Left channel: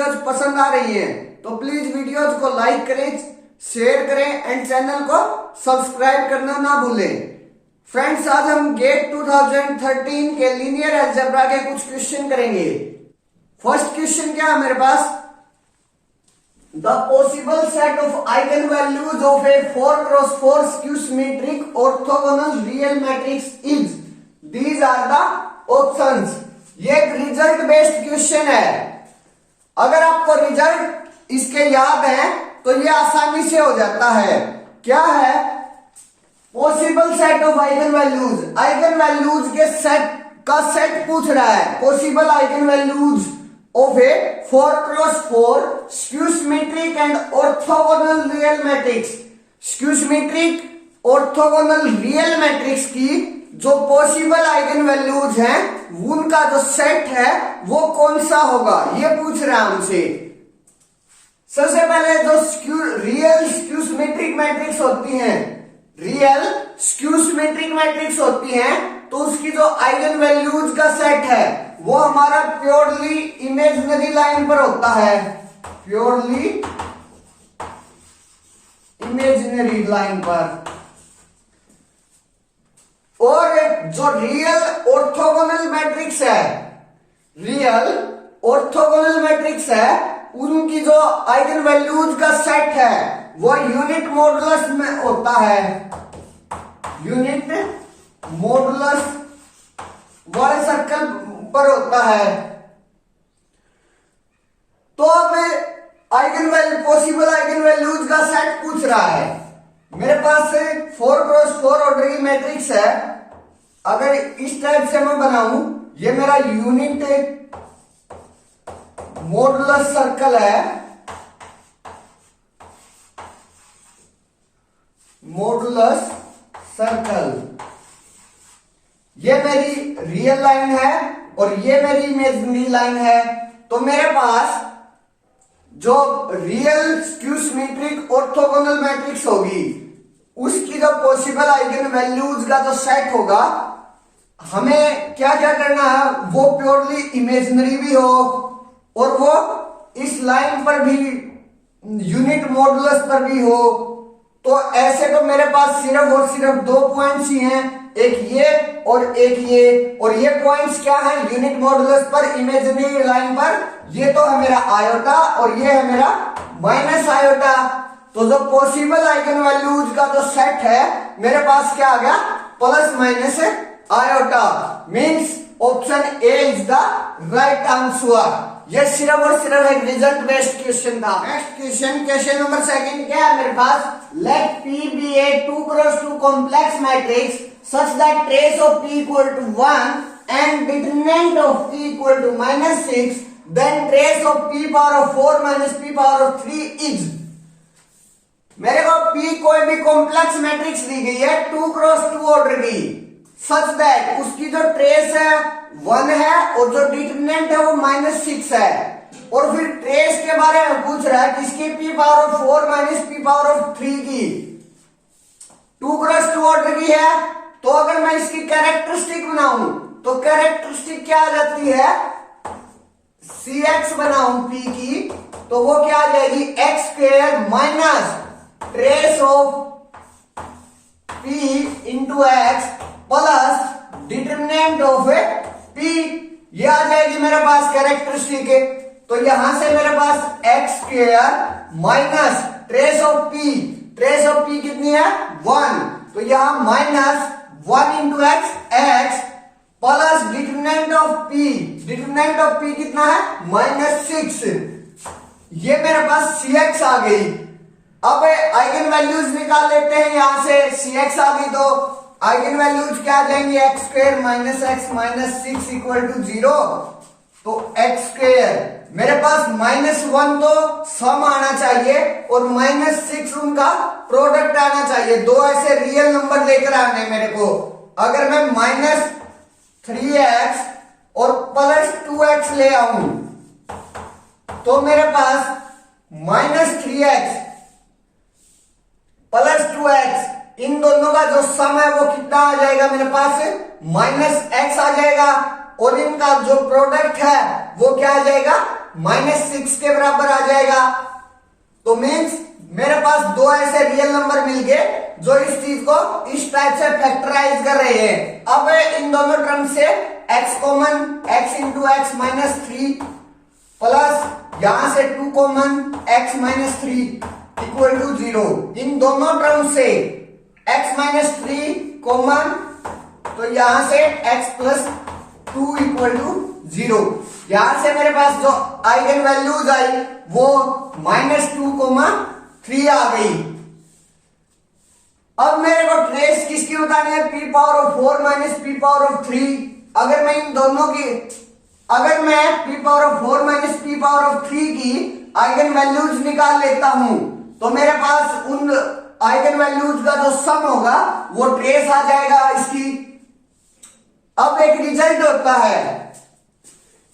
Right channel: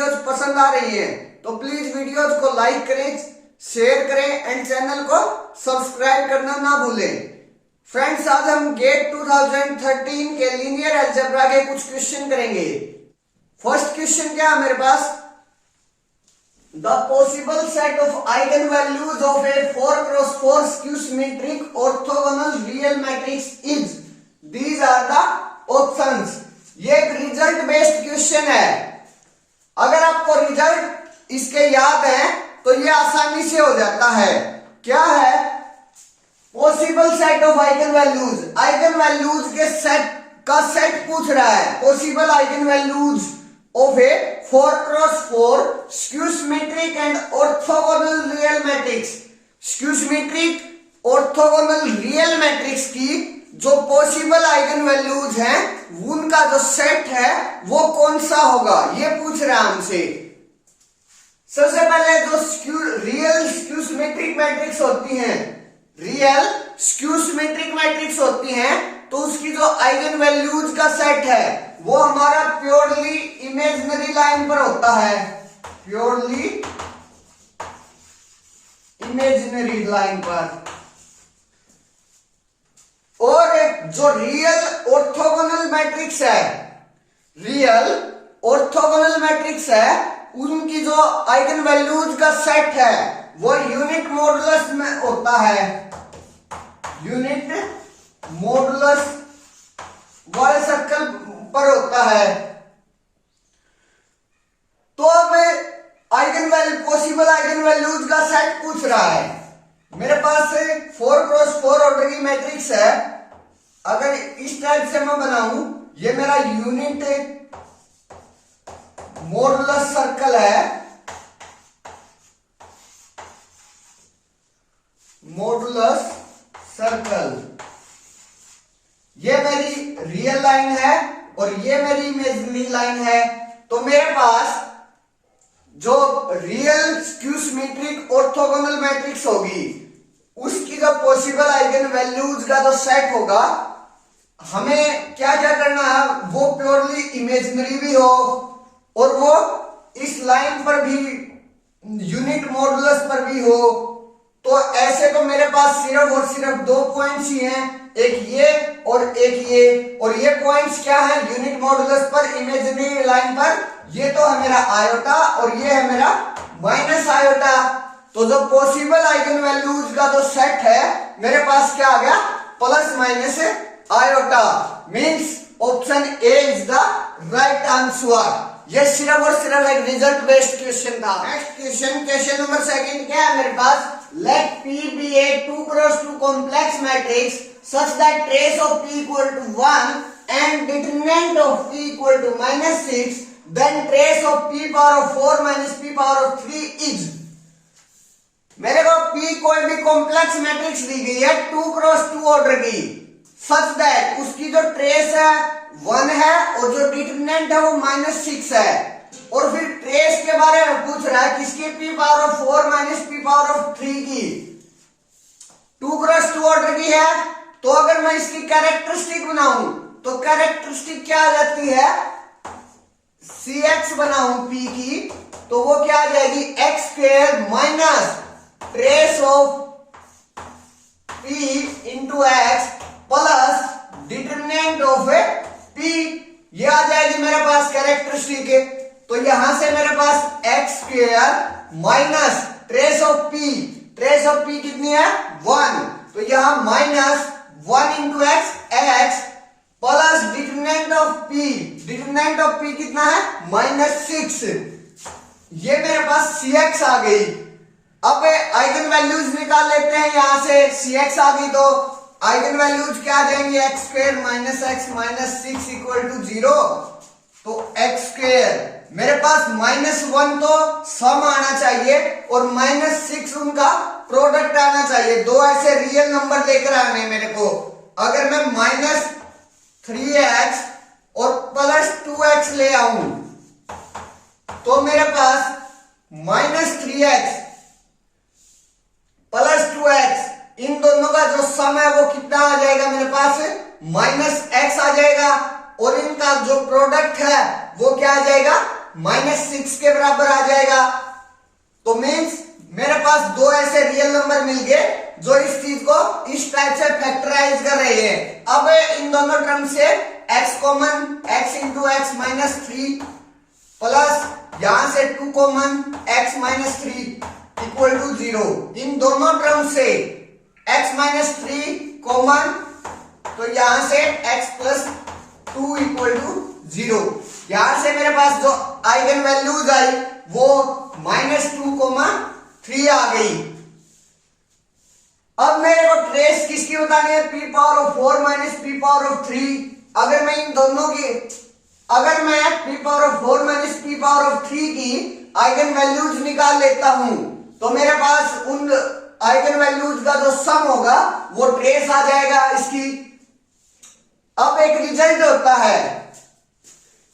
Videos पसंद आ रही है तो प्लीज वीडियोज को लाइक करें, शेयर करें एंड चैनल को सब्सक्राइब करना ना भूलें। फ्रेंड्स, आज हम गेट 2013 के लीनियर अलजेब्रा के कुछ क्वेश्चन करेंगे। फर्स्ट क्वेश्चन क्या है मेरे पास, the possible set of eigen values of A 4x4 skew symmetric orthogonal real matrix is, these are the options. ये एक रिजल्ट बेस्ड क्वेश्चन है। अगर आपको रिजल्ट इसके याद है तो ये आसानी से हो जाता है। क्या है, possible set of eigen values, eigen values के सेट का सेट पूछ रहा है। Possible eigen values of A 4x4 skew symmetric and orthogonal real matrix. Skew symmetric orthogonal real matrix की जो पॉसिबल आइगन वैल्यूज हैं उनका जो सेट है वो कौन सा होगा, ये पूछ रहा है हमसे। सबसे पहले जो रियल स्क्यू सिमेट्रिक मैट्रिक्स होती हैं, रियल स्क्यू सिमेट्रिक मैट्रिक्स होती हैं, तो उसकी जो आइगन वैल्यूज का सेट है वो हमारा प्योरली इमेजिनरी लाइन पर होता है, प्योरली इमेजिनरी लाइन पर। और जो रियल ऑर्थोगोनल मैट्रिक्स है, रियल ऑर्थोगोनल मैट्रिक्स है, उनकी जो आइगन वैल्यूज का सेट है वो यूनिट मॉडुलस में होता है, यूनिट मॉडुलस वाले सर्कल पर होता है। तो अब eigen value, possible eigen values का सेट पूछ रहा है। मेरे पास 4x4 ऑर्डर की मैट्रिक्स है। अगर इस टाइप से मैं बनाऊं, ये मेरा यूनिट मॉडुलस सर्कल है, मॉडुलस सर्कल, ये मेरी रियल लाइन है और ये मेरी इमेजिनरी लाइन है। तो मेरे पास जो real skew symmetric orthogonal matrix होगी उसकी जो पॉसिबल आइगन वैल्यूज का जो सेट होगा, हमें क्या क्या करना है, वो प्योरली इमेजिनरी भी हो और वो इस लाइन पर भी, यूनिट मॉडुलस पर भी हो। तो ऐसे तो मेरे पास सिर्फ और सिर्फ दो पॉइंट्स ही हैं, एक ये और एक ये। और ये पॉइंट्स क्या है, यूनिट मॉडुलस पर, इमेजिनरी लाइन पर। ये तो है मेरा आयोटा और ये है मेरा माइनस आयोटा। तो जो पॉसिबल आइगन वैल्यूज का जो सेट है मेरे पास क्या आ गया, plus minus iota. Means option A is the right answer. ये सिर्फ और सिर्फ एक रिजल्ट बेस्ड क्वेश्चन था। Next question, question number second क्या है मेरे पास, late P be a 2x2 complex matrix such that trace of P equal to 1 and determinant of P equal to -6, then trace of P power of 4 minus P power of 3 is। मेरे को P कोई भी complex matrix दी गई है 2x2 order की, such that उसकी जो trace है 1 है और जो डिटरमिनेंट है वो -6 है। और फिर ट्रेस के बारे में पूछ रहा है किसकी, P power of 4 minus P power of 3 की। 2x2 ऑर्डर की है, तो अगर मैं इसकी कैरेक्टरिस्टिक बनाऊं तो कैरेक्टरिस्टिक क्या आ जाती है, Cx बनाऊं P की, तो वो क्या आ जाएगी, x² minus trace of P into x plus determinant of P। ये आ जाएगी मेरे पास कैरेक्टरिस्टिक। तो यहां से मेरे पास x² minus trace of P, trace of P कितनी है 1, तो यहां minus 1 into x plus determinant of P, determinant of P कितना है -6। ये मेरे पास Cx आ गई। अब आइगन वैल्यूज निकाल लेते हैं, यहां से Cx आ गई तो आइगन वैल्यूज क्या आ जाएंगे, x² minus x minus 6 equal to 0। तो x² मेरे पास -1 तो सम आना चाहिए और -6 उनका प्रोडक्ट आना चाहिए। दो ऐसे रियल नंबर लेकर आने मेरे को। अगर मैं -3x और +2x ले आऊं तो मेरे पास -3x +2x, इन दोनों का जो सम है वो कितना आ जाएगा मेरे पास, -x आ जाएगा। और इनका जो प्रोडक्ट है वो क्या आ जाएगा, -6 के बराबर आ जाएगा। तो मीन्स मेरे पास दो ऐसे रियल नंबर मिल गए जो इस चीज को इस टाइप से फैक्टराइज कर रहे हैं। अब इन दोनों टर्म से x common, x into X minus 3 plus यहां से 2 common, x minus 3 equal to 0। इन दोनों टर्म से x माइनस 3 कॉमन, तो यहां से x प्लस 2 इक्वल टू 0। यहां से मेरे पास जो आइगन वैल्यूज आई वो -2, 3 आ गई। अब मेरे को ट्रेस किसकी बतानी है? p power of 4 minus p power of 3। अगर मैं इन दोनों की, अगर मैं p power of 4 minus p power of 3 की आइगन वैल्यूज निकाल लेता हूं तो मेरे पास उन आइगन वैल्यूज का जो सम होगा वो ट्रेस आ जाएगा इसकी। अब एक रिजल्ट होता है,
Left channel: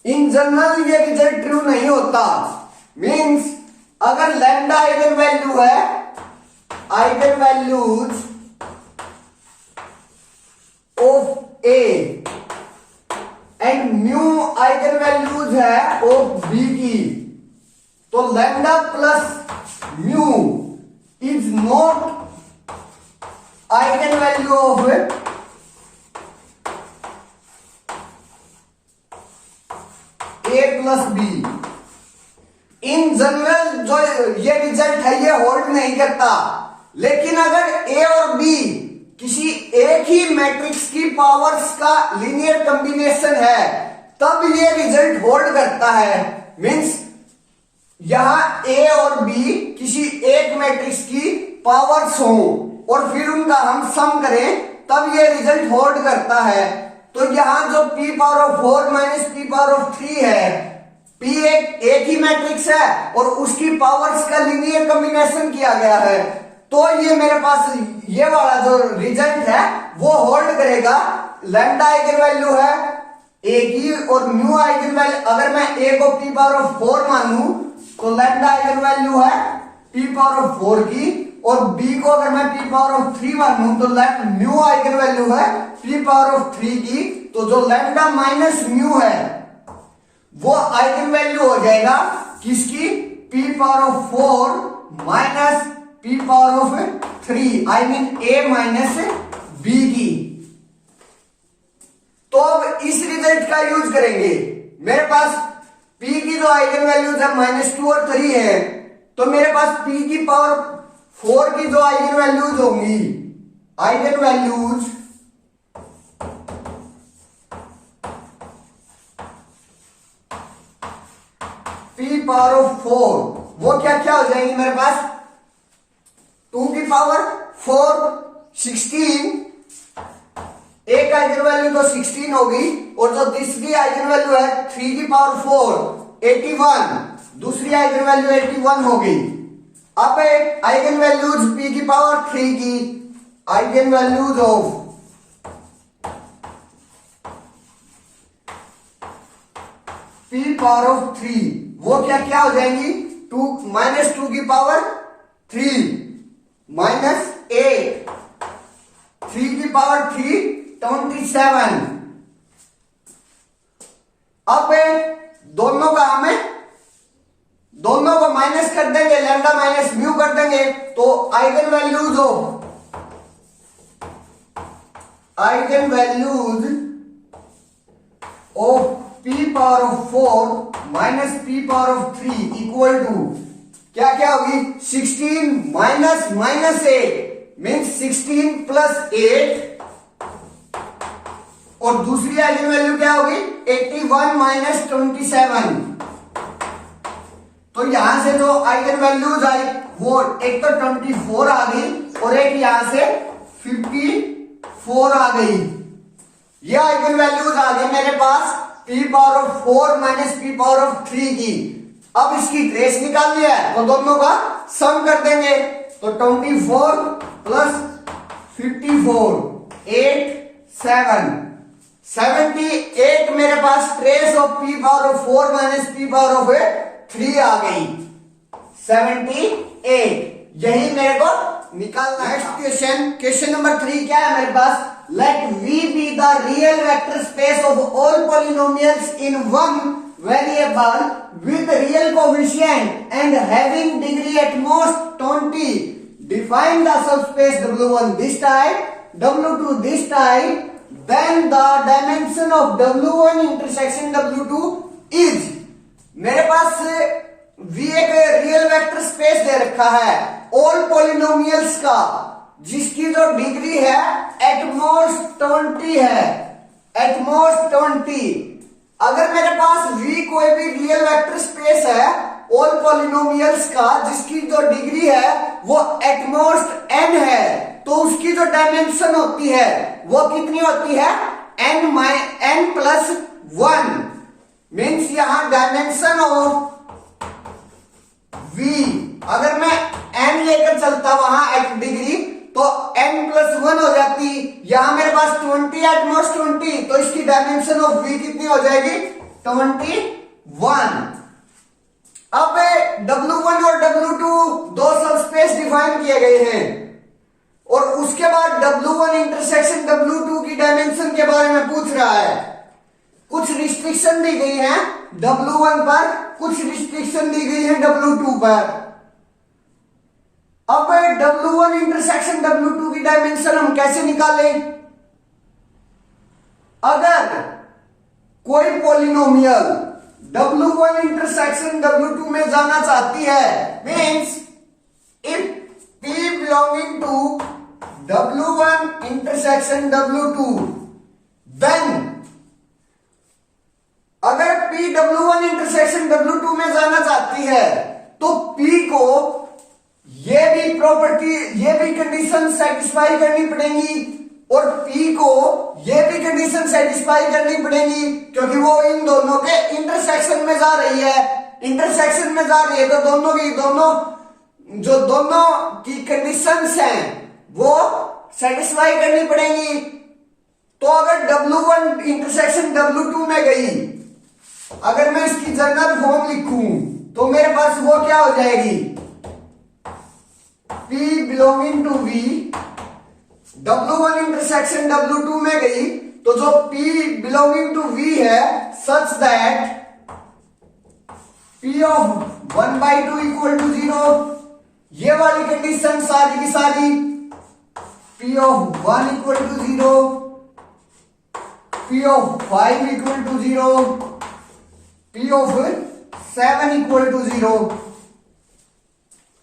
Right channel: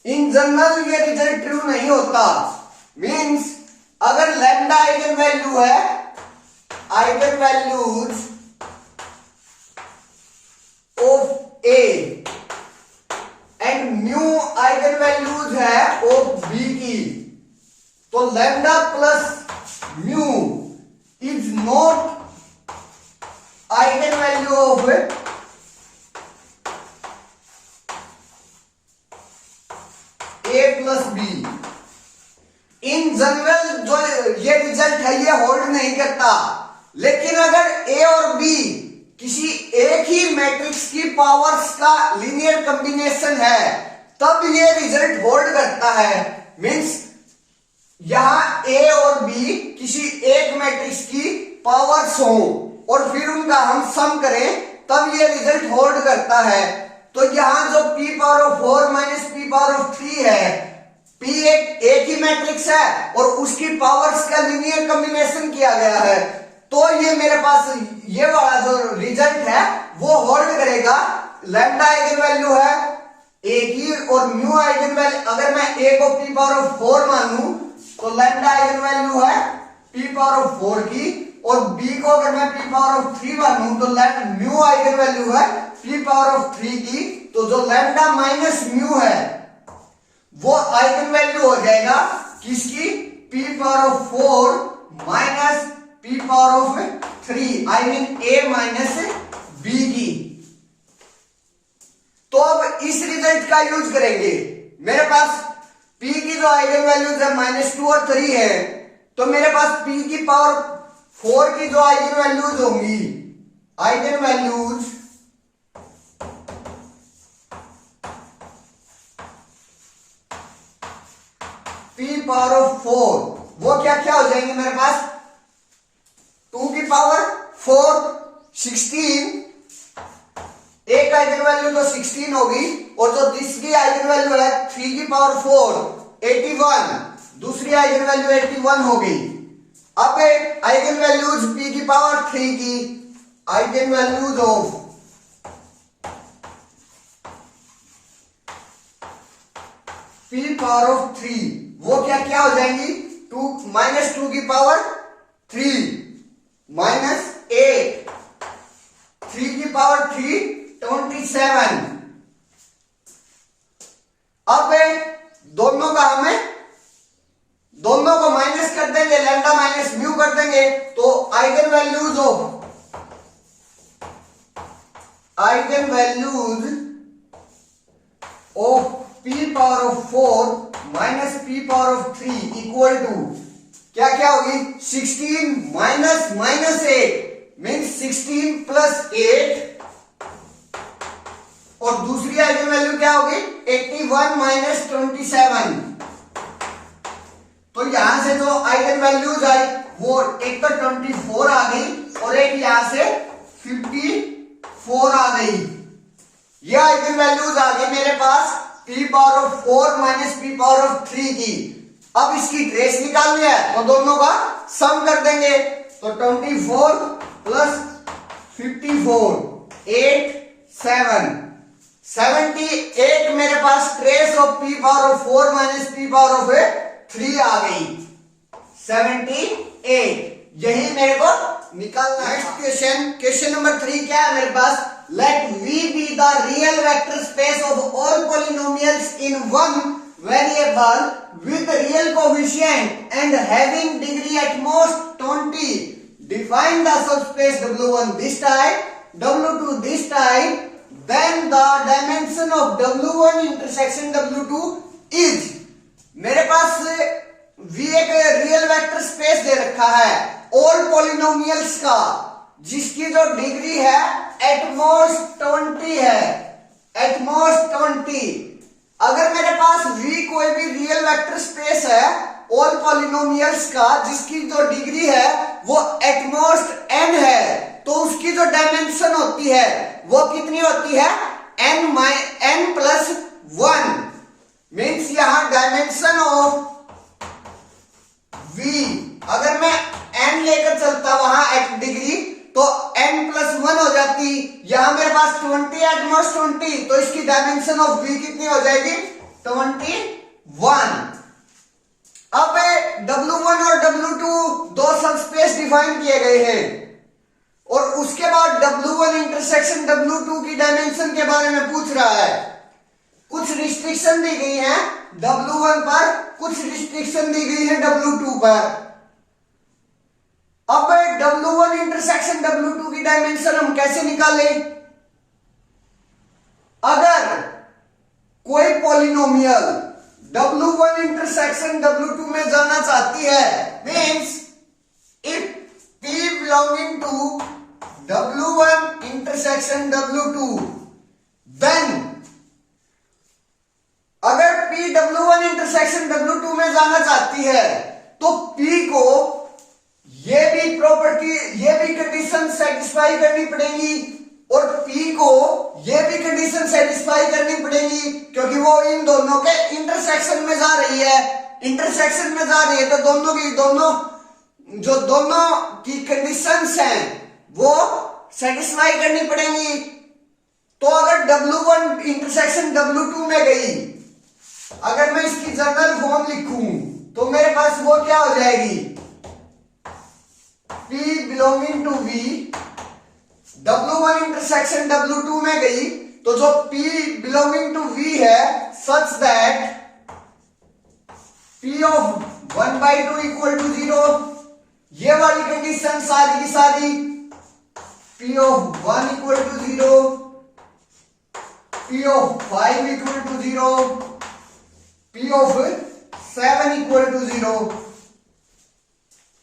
इन जनरल ये रिजल्ट ट्रू नहीं होता। मीन्स अगर लैम्डा आइगन वैल्यू है, eigen values of A and mu eigen values है ऑफ बी की, तो lambda plus mu is not eigen value of A plus B. In general जो ये रिजल्ट है ये होल्ड नहीं करता, लेकिन अगर ए और बी किसी एक ही मैट्रिक्स की पावर्स का लीनियर कॉम्बिनेशन है तब ये रिजल्ट होल्ड करता है। मींस यहां ए और बी किसी एक मैट्रिक्स की पावर्स हो और फिर उनका हम सम करें तब ये रिजल्ट होल्ड करता है। तो यहां जो p power of 4 minus p power of 3 है, p एक ही मैट्रिक्स है और उसकी पावर्स का लीनियर कॉम्बिनेशन किया गया है, तो ये मेरे पास ये वाला जो रिजल्ट है वो होल्ड करेगा। लैम्डा आइगन वैल्यू है ए की और म्यू आइगन वैल्यू, अगर मैं ए को p पावर ऑफ 4 मान लूं तो लैम्डा आइगन वैल्यू है p पावर ऑफ 4 की, और b को अगर मैं p पावर ऑफ 3 मान लूं तो म्यू आइगन वैल्यू है p पावर ऑफ 3 की। तो जो लैम्डा माइनस म्यू है वो आइगन वैल्यू हो जाएगा किसकी? p power of 4 minus p power of 3, I mean a minus b की। तो अब इस रिजल्ट का यूज करेंगे। मेरे पास p की जो आइगन वैल्यूज है -2 और 3 है, तो मेरे पास p की पावर 4 की जो आइगन वैल्यूज होंगी, eigen values p power of 4 वो क्या क्या हो जाएंगे मेरे पास? 2 की पावर 4 16, एक आइगन वैल्यू तो 16 होगी, और जो तीसरी आइगन वैल्यू है 3 की पावर 4 81, दूसरी आइगन वैल्यू 81 होगी। अब आइगन वैल्यूज p की पावर 3 की eigen values of p power of 3 वो क्या क्या हो जाएंगी? 2 की पावर 3 माइनस 8, 3 की पावर 3 27। अब दोनों का हमें दोनों को माइनस कर देंगे, लैम्डा माइनस म्यू कर देंगे, तो eigen values of p power of 4 minus p power of 3 equal to क्या क्या होगी? 16 माइनस 8 मीन्स 16 प्लस 8, और दूसरी आइगन वैल्यू क्या होगी? 81 माइनस 27। तो यहां से जो आइगन वैल्यूज आई वो एक तो 24 आ गई और एक यहां से 54 आ गई। ये आइगन वैल्यूज आ गई मेरे पास p power of 4 minus p power of 3 की। अब इसकी ट्रेस निकालनी है तो दोनों का सम कर देंगे, तो 24 प्लस 54 8 7 78 मेरे पास trace of p power of 4 minus p power of 3 आ गई 78। यही मेरे को निकालना। नेक्स्ट क्वेश्चन नंबर 3 क्या है मेरे पास? Let v be the real vector space of all polynomials in one variable with real coefficient and having degree at most 20. Define the subspace W1 this type, W2 this type, then the dimension of W1 intersection W2 is. मेरे पास V एक real vector space दे रखा है all polynomials का, जिसकी जो degree है at most 20 है, at most 20। अगर मेरे पास V कोई भी रियल वेक्टर स्पेस है ऑल पॉलिनोमियल्स का जिसकी जो डिग्री है वो एटमोस्ट n है, तो उसकी जो डायमेंशन होती है वो कितनी होती है n प्लस 1। मीन्स यहां डायमेंशन ऑफ V, अगर मैं n लेकर चलता वहां एट डिग्री तो n प्लस 1 हो जाती। यहां मेरे पास 20 एटमोस्ट 20, तो इसकी डायमेंशन ऑफ V कितनी हो जाएगी 21। अब W1 और W2 दो सबस्पेस डिफाइन किए गए हैं और उसके बाद W1 इंटरसेक्शन W2 की डायमेंशन के बारे में पूछ रहा है। कुछ रिस्ट्रिक्शन दी गई है W1 पर, कुछ रिस्ट्रिक्शन दी गई है W2 पर। अब W1 इंटरसेक्शन W2 की डायमेंशन हम कैसे निकालें? अगर कोई पॉलिनोमियल W1 इंटरसेक्शन W2 में जाना चाहती है, means if P belonging to W1 intersection W2, then अगर P W1 इंटरसेक्शन W2 में जाना चाहती है तो P को ये भी प्रॉपर्टी, ये भी कंडीशन सेटिस्फाई करनी पड़ेगी और P को ये भी कंडीशन सेटिस्फाई करनी पड़ेगी, क्योंकि वो इन दोनों के इंटरसेक्शन में जा रही है। इंटरसेक्शन में जा रही है तो दोनों की कंडीशंस हैं वो सेटिस्फाई करनी पड़ेंगी। तो अगर W1 इंटरसेक्शन W2 में गई, अगर मैं इसकी जनरल फॉर्म लिखूं तो मेरे पास वो क्या हो जाएगी P belonging to V, W1 intersection W2 में गई तो जो P belonging to V है such that P of 1/2 equal to 0, ये वाली कंडीशन सारी की सारी P of 1 equal to 0, P of 5 equal to 0, P of 7 equal to 0।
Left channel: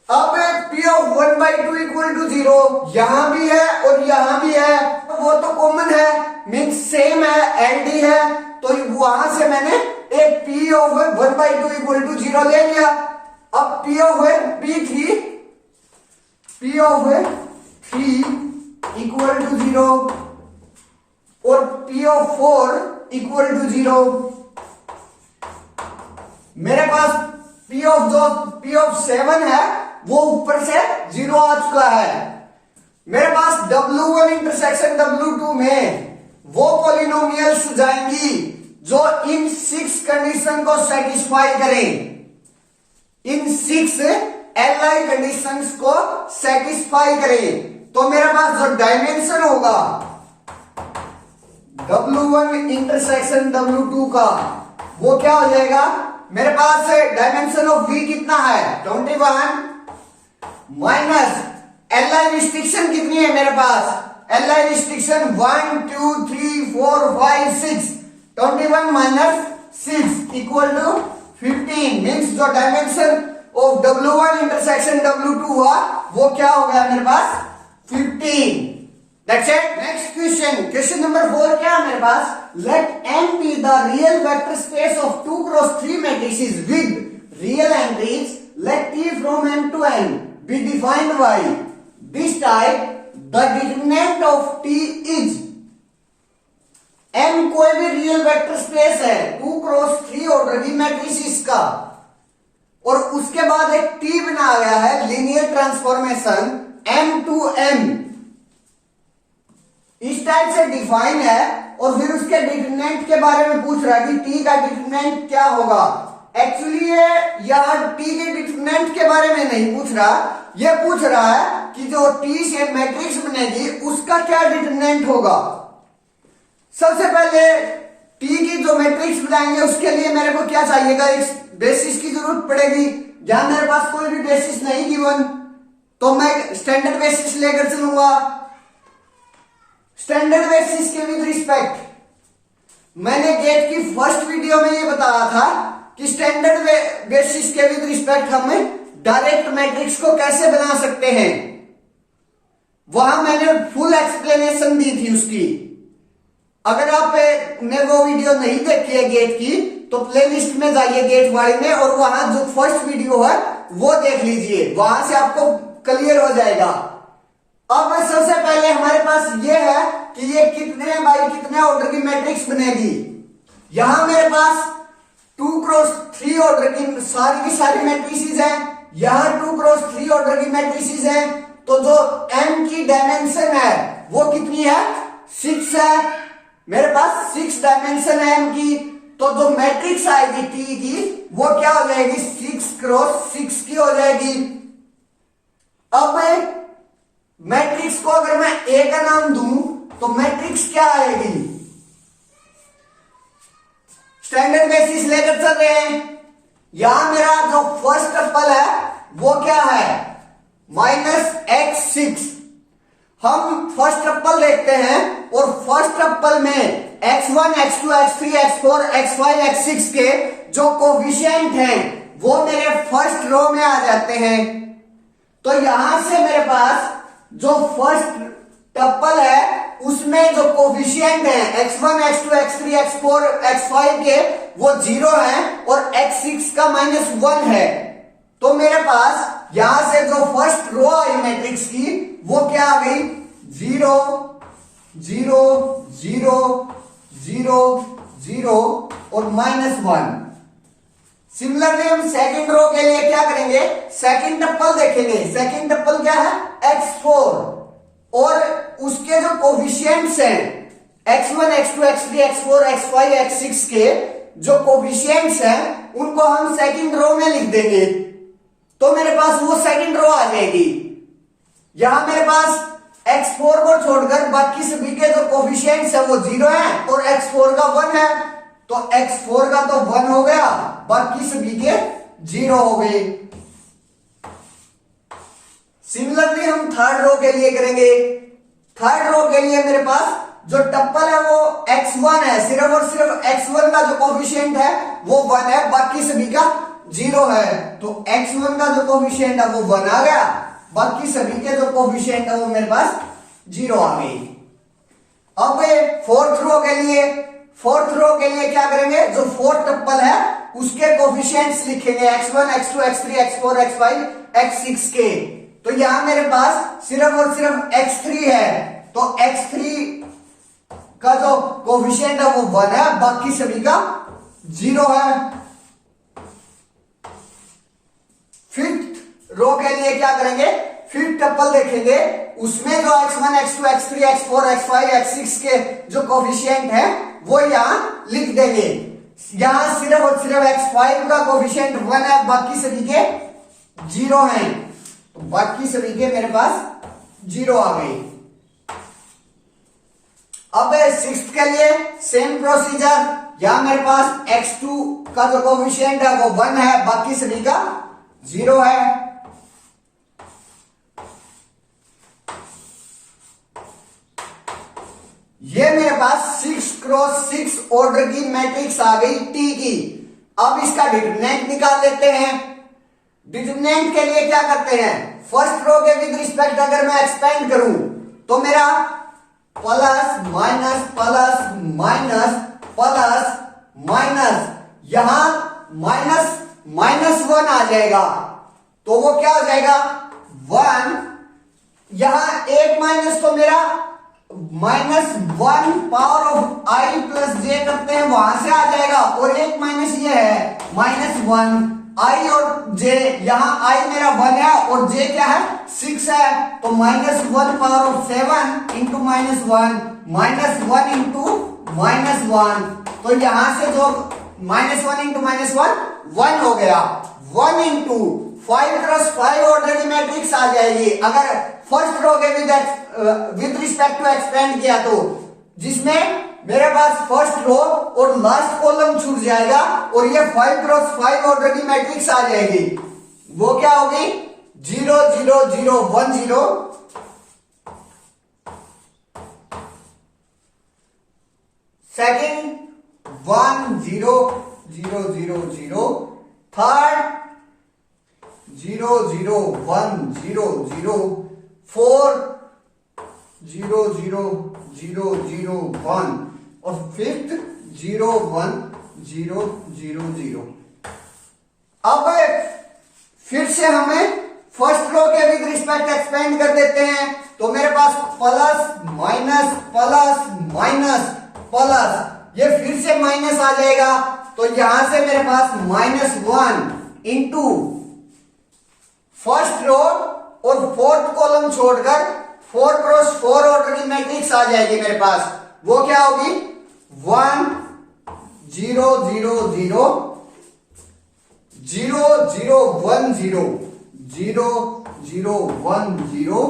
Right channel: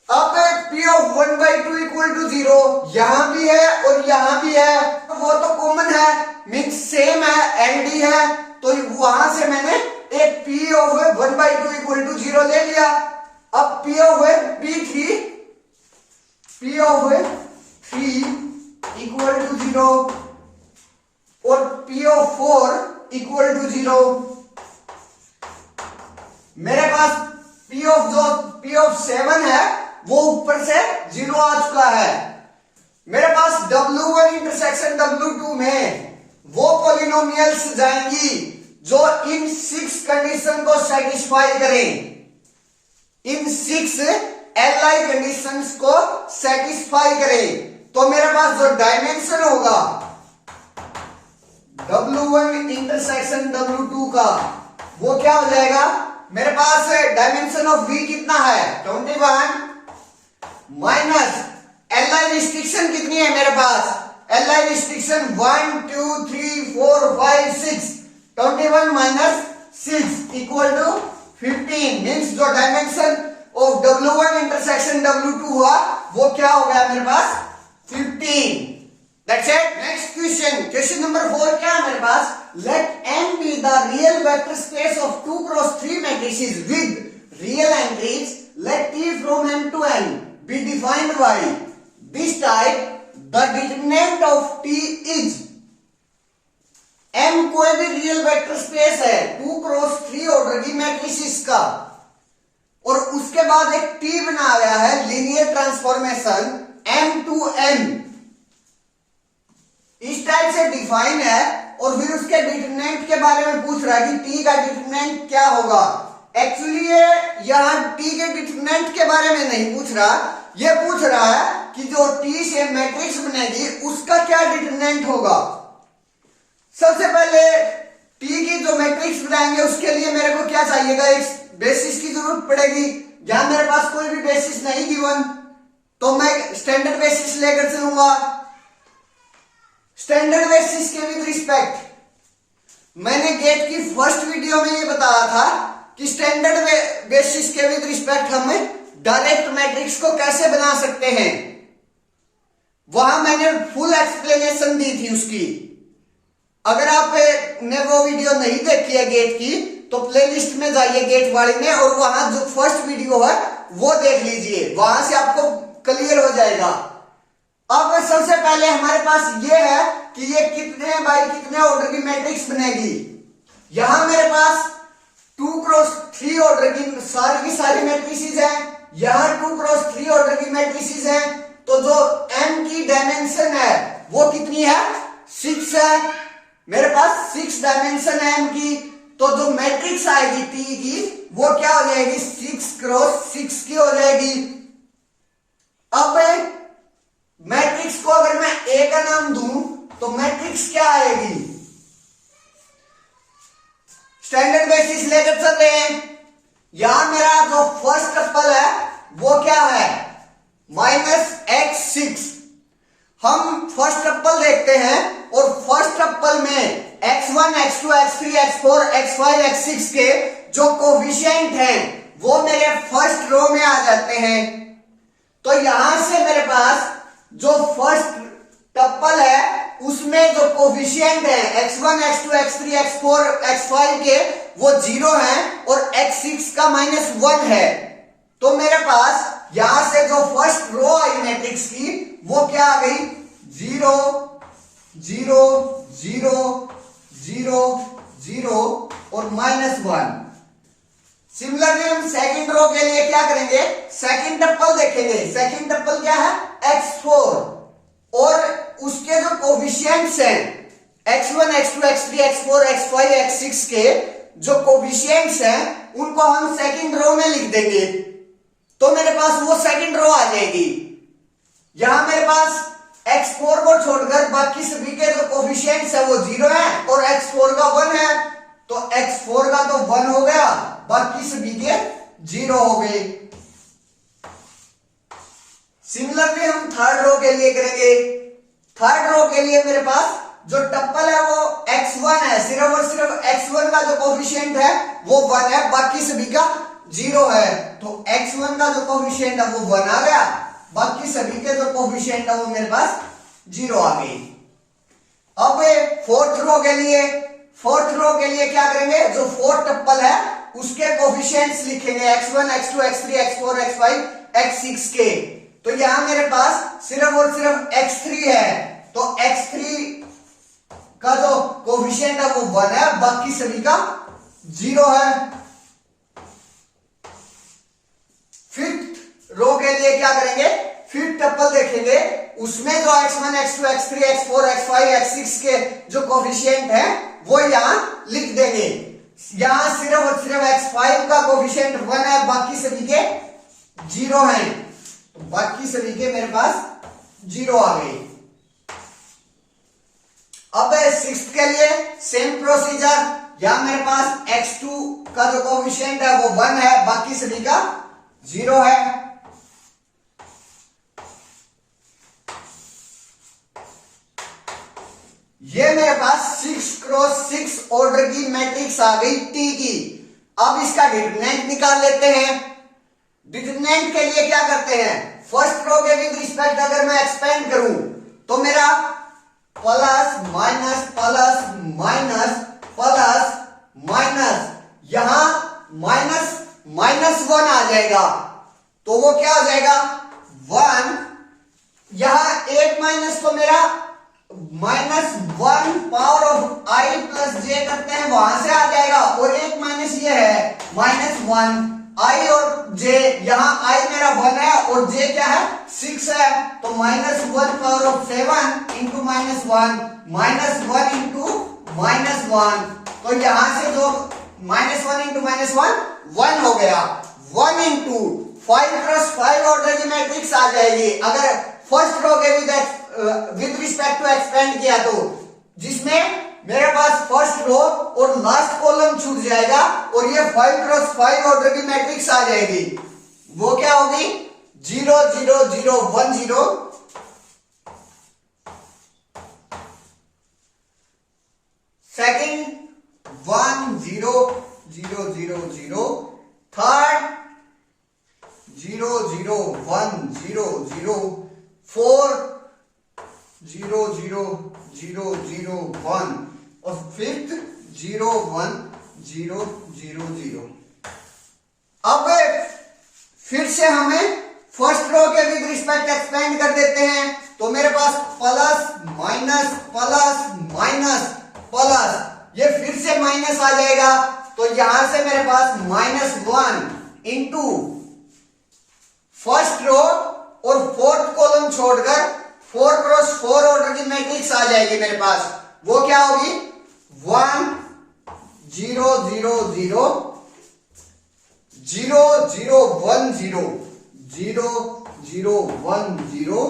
अब P of 1/2 equal to 0 यहां भी है और यहां भी है, वो तो कॉमन है, मीन्स सेम है, LD है, तो वहां से मैंने एक P of 1/2 equal to 0 ले लिया। अब P of 3 equal to 0 और P of 4 equal to 0। मेरे पास P of 7 है वो ऊपर से 0 आ चुका है। मेरे पास W1 इंटरसेक्शन W2 में वो पॉलिनोमियल्स जाएंगी जो इन 6 कंडीशन को सेटिस्फाई करें, इन 6 Li कंडीशंस को सेटिस्फाई करें। तो मेरे पास जो डायमेंशन होगा W1 इंटरसेक्शन W2 का वो क्या हो जाएगा? मेरे पास डायमेंशन ऑफ V कितना है 21 माइनस Li रिस्ट्रिक्शन कितनी है मेरे पास? Li restriction 1 2 3 4 5 6, 21 minus 6 equal to 15। Means जो dimension of W1 intersection W2 हुआ वो क्या हो गया मेरे पास 15। That's it. Next question. Question number 4 क्या है मेरे पास? Let n be the real vector space of 2 cross 3 matrices with real entries. Let T from n to n be defined by this type. The determinant of T is n कोई भी real vector space है 2 cross 3 order की matrices का, और उसके बाद एक T बना गया है linear transformation m to n, इस टाइप से डिफाइन है। और फिर उसके डिटरमिनेंट के बारे में पूछ रहा है कि T का डिटरमिनेंट क्या होगा। एक्चुअली ये यहां T के डिटरमिनेंट के बारे में नहीं पूछ रहा, ये पूछ रहा है कि जो T से मैट्रिक्स बनेगी उसका क्या डिटरमिनेंट होगा। सबसे पहले टी की जो मैट्रिक्स बनाएंगे उसके लिए मेरे को क्या चाहिएगा, एक बेसिस की जरूरत पड़ेगी। जहां मेरे पास कोई भी बेसिस नहीं गिवन तो मैं स्टैंडर्ड बेसिस लेकर चलूंगा। स्टैंडर्ड बेसिस के विद रिस्पेक्ट मैंने गेट की फर्स्ट वीडियो में ये बताया था कि स्टैंडर्ड बेसिस के विद रिस्पेक्ट हम डायरेक्ट मैट्रिक्स को कैसे बना सकते हैं। वहां मैंने फुल एक्सप्लेनेशन दी थी उसकी। अगर आपने वो वीडियो नहीं देखी है गेट की तो प्लेलिस्ट में जाइए गेट वाली में, और वहां जो फर्स्ट वीडियो है वो देख लीजिए, वहां से आपको क्लियर हो जाएगा। अब सबसे पहले हमारे पास ये है कि ये कितने बाई कितने ऑर्डर की मैट्रिक्स बनेगी। यहां मेरे पास 2x3 ऑर्डर की सारी मैट्रिसेस हैं, यहां 2x3 ऑर्डर की मैट्रिसेस हैं। तो जो m की डायमेंशन है वो कितनी है, 6 है। मेरे पास 6 डायमेंशन है m की, तो जो मैट्रिक्स आएगी t की वो क्या हो जाएगी, 6x6 की हो जाएगी। अब मैट्रिक्स को अगर मैं a का नाम दूं तो मैट्रिक्स क्या आएगी, स्टैंडर्ड बेसिस लेकर चल रहे हैं। यहां मेरा जो फर्स्ट टपल है वो क्या है, -x6। हम फर्स्ट टपल देखते हैं और फर्स्ट टपल में x1, x2, x3, x4, x5, x6 के जो कोफिशिएंट हैं वो मेरे फर्स्ट रो में आ जाते हैं। तो यहां से मेरे पास जो फर्स्ट टपल है उसमें जो कोफिशिएंट है x1, x2, x3, x4, x5 के वो 0 है और x6 का -1 है। तो मेरे पास यहां से जो फर्स्ट रो आई मैट्रिक्स की वो क्या आ गई, 0 0 0 0 0 और -1। सिमिलरली हम सेकंड रो के लिए क्या करेंगे, सेकंड टपल देखेंगे। सेकंड टपल क्या है, x4, और उसके जो कोफिशिएंट्स हैं x1, x2, x3, x4, x5, x6 के जो कोफिशिएंट्स हैं उनको हम सेकंड रो में लिख देंगे। तो मेरे पास वो सेकंड रो आ जाएगी। यहां मेरे पास x4 को छोड़कर बाकी सभी के जो कोफिशिएंट्स है वो 0 है और x4 का 1 है। तो x4 का तो 1 हो गया, बाकी सभी के 0 हो गए। सिमिलरली हम थर्ड रो के लिए करेंगे। थर्ड रो के लिए मेरे पास जो टप्पल है वो x1 है, सिर्फ और सिर्फ x1 का जो कोफिशिएंट है वो 1 है, बाकी सभी का 0 है। तो x1 का जो कोफिशिएंट है वो 1 आ गया, बाकी सभी के जो कोफिशिएंट है वो मेरे पास 0 आ गई। अब फोर्थ रो के लिए क्या करेंगे, जो फोर्थ टप्पल है उसके कोफिशिएंट्स लिखेंगे x1, x2, x3, x4, x5, x6 के। तो यहां मेरे पास सिर्फ और सिर्फ x3 है, तो x3 का जो कोफिशिएंट है वो 1 है, बाकी सभी का 0 है। फिफ्थ रो के लिए क्या करेंगे, फिफ्थ टपल देखेंगे, उसमें जो x1, x2, x3, x4, x5, x6 के जो कोफिशिएंट है वो यहां लिख देंगे। यहां सिर्फ और सिर्फ x5 का कोफिशिएंट 1 है, बाकी सभी के 0 हैं, तो बाकी सभी के मेरे पास 0 आ गए। अब सिक्स्थ के लिए सेम प्रोसीजर। यहां मेरे पास x2 का जो कोफिशिएंट है वो 1 है, बाकी सभी का 0 है। ये मेरे पास 6x6 ऑर्डर की मैट्रिक्स आ गई टी की। अब इसका डिटरमिनेंट निकाल लेते हैं। डिटरमिनेंट के लिए क्या करते हैं, फर्स्ट रो के विद रिस्पेक्ट अगर मैं एक्सपेंड करूं तो मेरा plus minus plus minus plus minus, यहां माइनस माइनस 1 आ जाएगा, तो वो क्या हो जाएगा 1। यहां एक माइनस तो मेरा -1 power of i plus j करते हैं वहां से आ जाएगा, और एक माइनस ये है -1 i और j। यहां i मेरा 1 है और j क्या है 6 है, तो -1 पावर ऑफ 7 इंटू -1 -1 इंटू -1। तो यहां से जो -1 इंटू -1 1 हो गया। 1 इंटू 5x5 ऑर्डर की मैट्रिक्स आ जाएगी अगर फर्स्ट रो के विद रिस्पेक्ट टू एक्सपेंड किया तो, जिसमें मेरे पास फर्स्ट रो और लास्ट कॉलम छूट जाएगा और ये 5x5 ऑर्डर की मैट्रिक्स आ जाएगी। वो क्या होगी? 0 0 0 1 0, सेकंड 1 0 0 0 0, थर्ड 0 0 1 0 0, फोर्थ 0 0 0 0 1 और फिफ्थ 0 1 0 0 0। अब फिर से हमें फर्स्ट रो के विद रिस्पेक्ट एक्सपेंड कर देते हैं। तो मेरे पास plus minus plus minus plus, ये फिर से माइनस आ जाएगा। तो यहां से मेरे पास -1 इंटू फर्स्ट रो और फोर्थ कॉलम छोड़कर 4x4 ऑर्डर की मैट्रिक्स आ जाएगी मेरे पास। वो क्या होगी? 1 0 0 0 0 0 1 0 0 0 1 0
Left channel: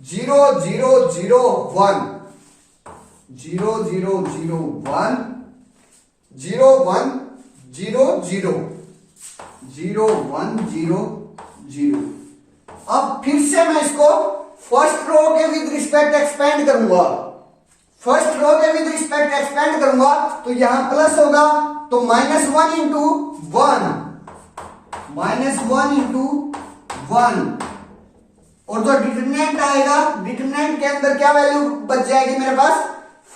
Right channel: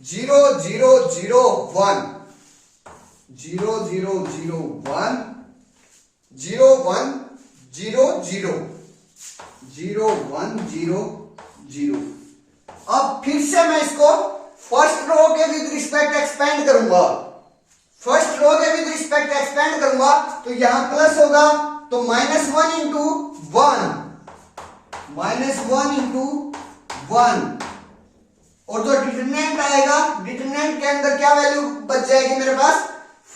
0 0 0 1 0 0 0 1 0 1 0 0 0 1 0 0। अब फिर से मैं इसको फर्स्ट रो के विद रिस्पेक्ट एक्सपेंड करूंगा। फर्स्ट रो के विद रिस्पेक्ट एक्सपेंड करूंगा तो यहां प्लस होगा, तो -1 इंटू 1, -1 इंटू 1, और जो डिटरमिनेंट आएगा, डिटरमिनेंट के अंदर क्या वैल्यू बच जाएगी मेरे पास?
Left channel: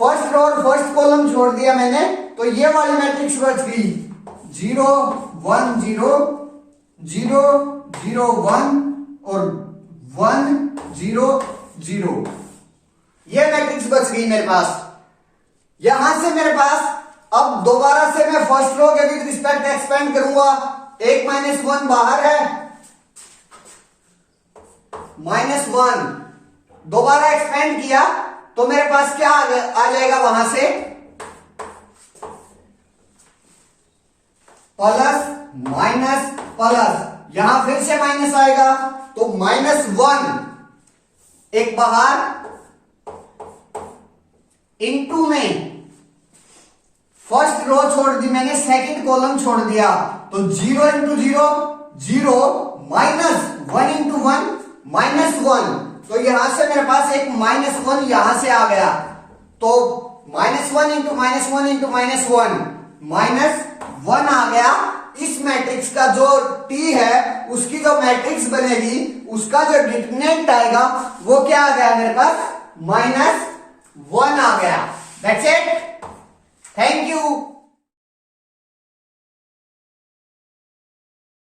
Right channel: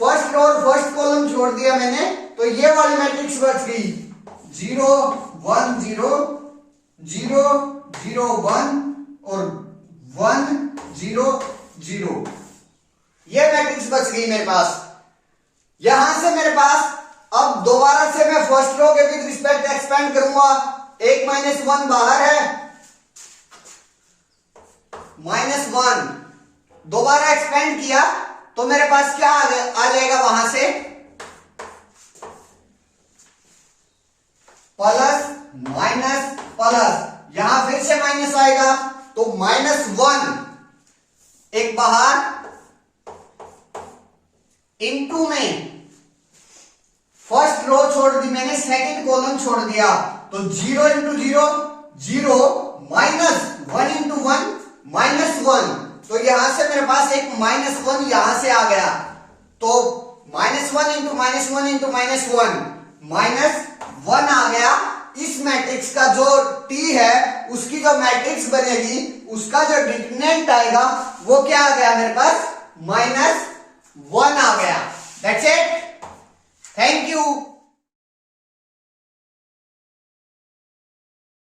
फर्स्ट रो और फर्स्ट कॉलम छोड़ दिया मैंने, तो ये वाली मैट्रिक्स बच गई 0 1 0 0 0 1 और 1 0 0। ये मैट्रिक्स बच गई मेरे पास। यहां से मेरे पास अब दोबारा से मैं फर्स्ट रो के विद रिस्पेक्ट एक्सपेंड करूंगा। एक -1 बाहर है, -1 दोबारा एक्सपेंड किया तो मेरे पास क्या आ जाएगा? वहां से प्लस माइनस प्लस, यहां फिर से माइनस आएगा तो -1 एक बाहर, इनटू में फर्स्ट रो छोड़ दी मैंने, सेकंड कॉलम छोड़ दिया, तो 0 इंटू 0 0, -1 इंटू 1 -1, तो यहां से मेरे पास एक -1 यहां से आ गया, तो -1 इंटू -1 इंटू -1 -1 आ गया। इस मैट्रिक्स का जो T है उसकी जो मैट्रिक्स बनेगी उसका जो डिटरमिनेंट आएगा वो क्या आ गया मेरे पास? -1 आ गया। That's it.